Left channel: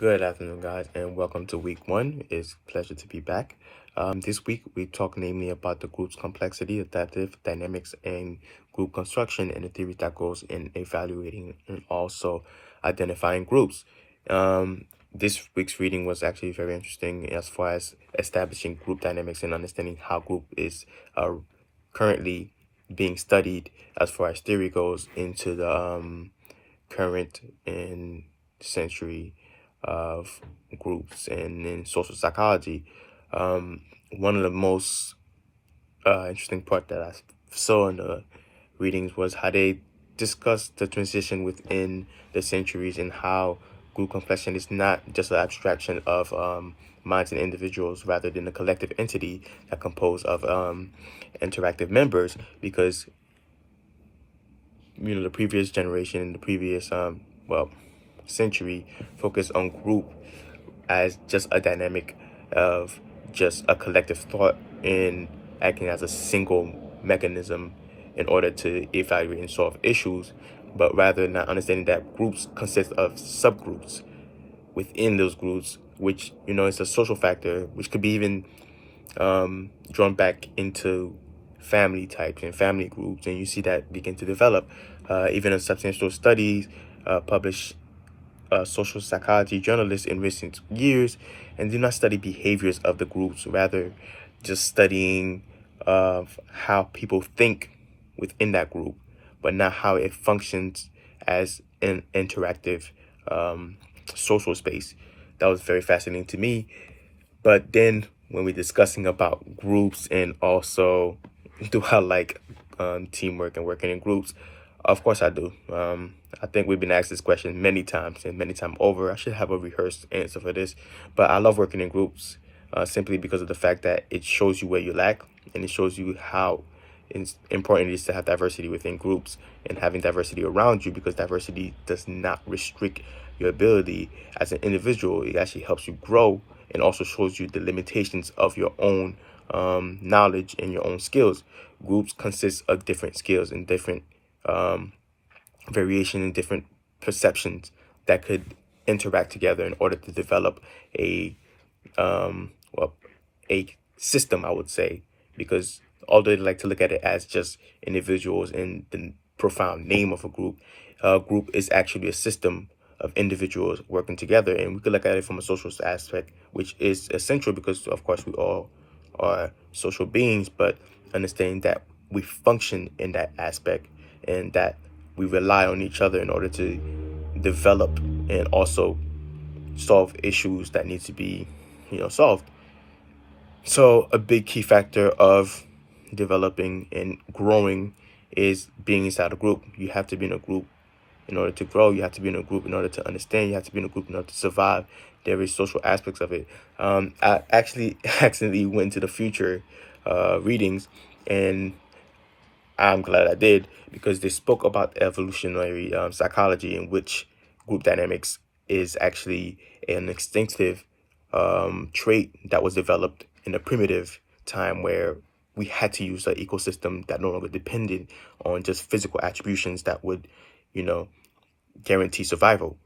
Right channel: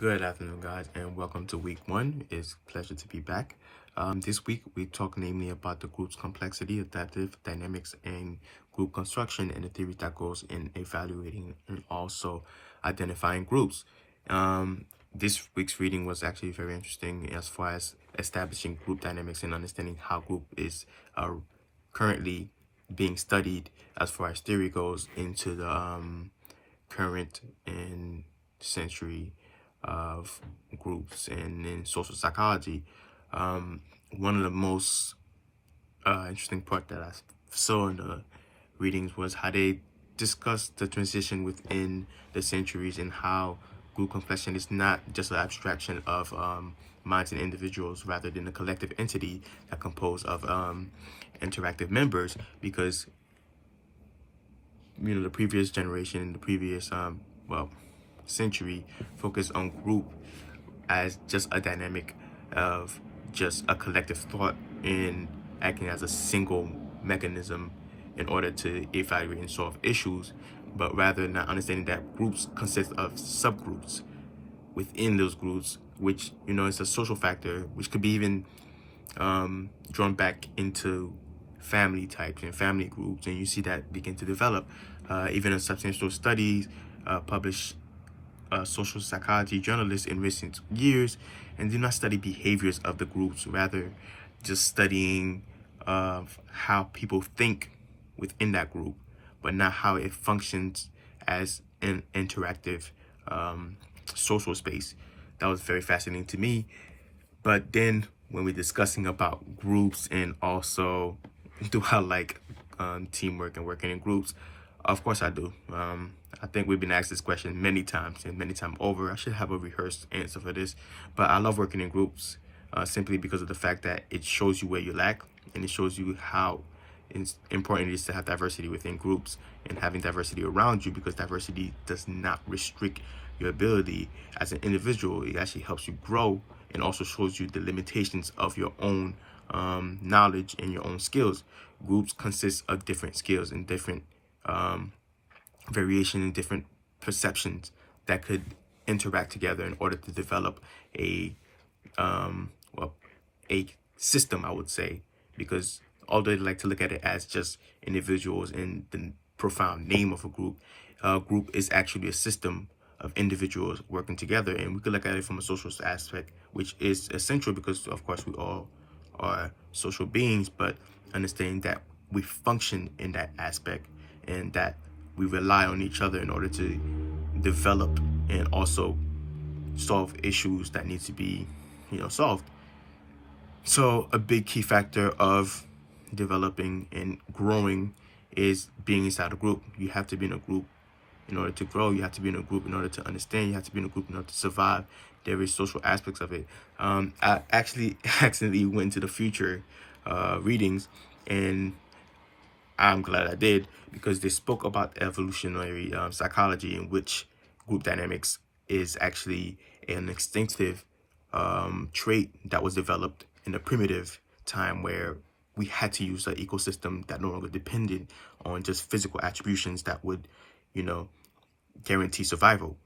Good afternoon, guys, and welcome to week one. It's a pleasure to be back. This week, we talk namely about the group's complexity, adaptive dynamics, and group construction, and the theory that goes in evaluating and also identifying groups. This week's reading was actually very interesting as far as establishing group dynamics and understanding how group is currently being studied as far as theory goes into the current and century of groups and in social psychology. One of the most interesting part that I saw in the readings was how they discussed the transition within the centuries and how group complexion is not just an abstraction of minds and individuals rather than a collective entity that composed of interactive members, because the previous generation, the previous century focused on group as just a dynamic of just a collective thought and acting as a single mechanism in order to evaluate and solve issues, but rather not understanding that groups consist of subgroups within those groups, which is a social factor, which could be even drawn back into family types and family groups, and you see that begin to develop even in substantial studies published social psychology journalists in recent years, and do not study behaviors of the groups, rather just studying how people think within that group, but not how it functions as an interactive social space. That was very fascinating to me. But then when we're discussing about groups and also do I like teamwork and working in groups, of course I do. I think we've been asked this question many times and many times over. I should have a rehearsed answer for this, but I love working in groups simply because of the fact that it shows you where you lack, and it shows you how important it is to have diversity within groups and having diversity around you, because diversity does not restrict your ability as an individual. It actually helps you grow and also shows you the limitations of your own knowledge and your own skills. Groups consist of different skills and different variation and different perceptions that could interact together in order to develop a system, I would say, because although they like to look at it as just individuals in the profound name of a group is actually a system of individuals working together. And we could look at it from a social aspect, which is essential because, of course, we all are social beings, but understanding that we function in that aspect and that we rely on each other in order to develop and also solve issues that need to be, solved. So a big key factor of developing and growing is being inside a group. You have to be in a group in order to grow. You have to be in a group in order to understand. You have to be in a group in order to survive. There is social aspects of it. I actually accidentally went to the future readings, and I'm glad I did, because they spoke about evolutionary psychology, in which group dynamics is actually an instinctive trait that was developed in a primitive time where we had to use an ecosystem that no longer depended on just physical attributions that would, guarantee survival.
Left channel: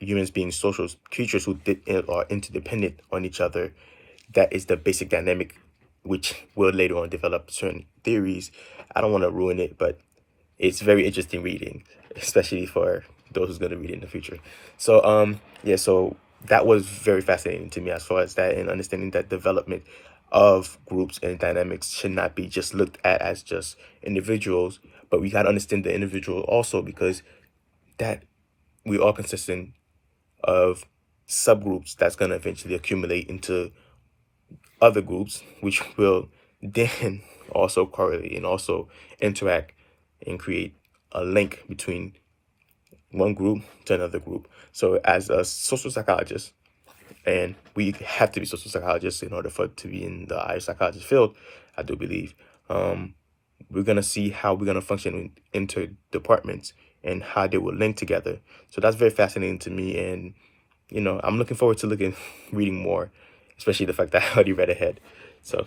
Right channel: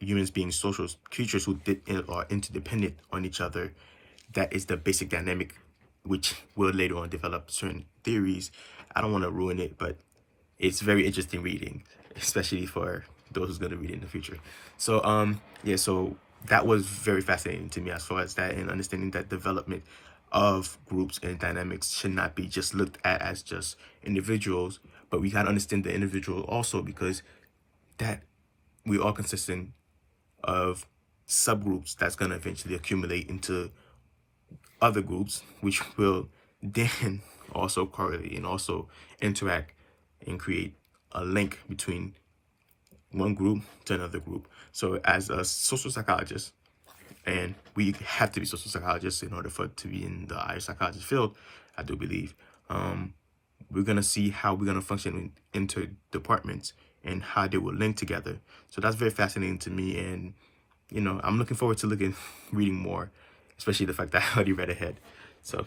Humans being social creatures who are interdependent on each other, that is the basic dynamic, which will later on develop certain theories. I don't want to ruin it, but it's very interesting reading, especially for those who's going to read it in the future. So, so that was very fascinating to me as far as that, and understanding that development of groups and dynamics should not be just looked at as just individuals, but we got to understand the individual also, because that we are consistent of subgroups that's going to eventually accumulate into other groups, which will then also correlate and also interact and create a link between one group to another group. So as a social psychologist, and we have to be social psychologists in order to be in the higher psychology field, I do believe, we're going to see how we're going to function in interdepartments and how they will link together. So that's very fascinating to me, and I'm looking forward to reading more, especially the fact that I already read ahead. So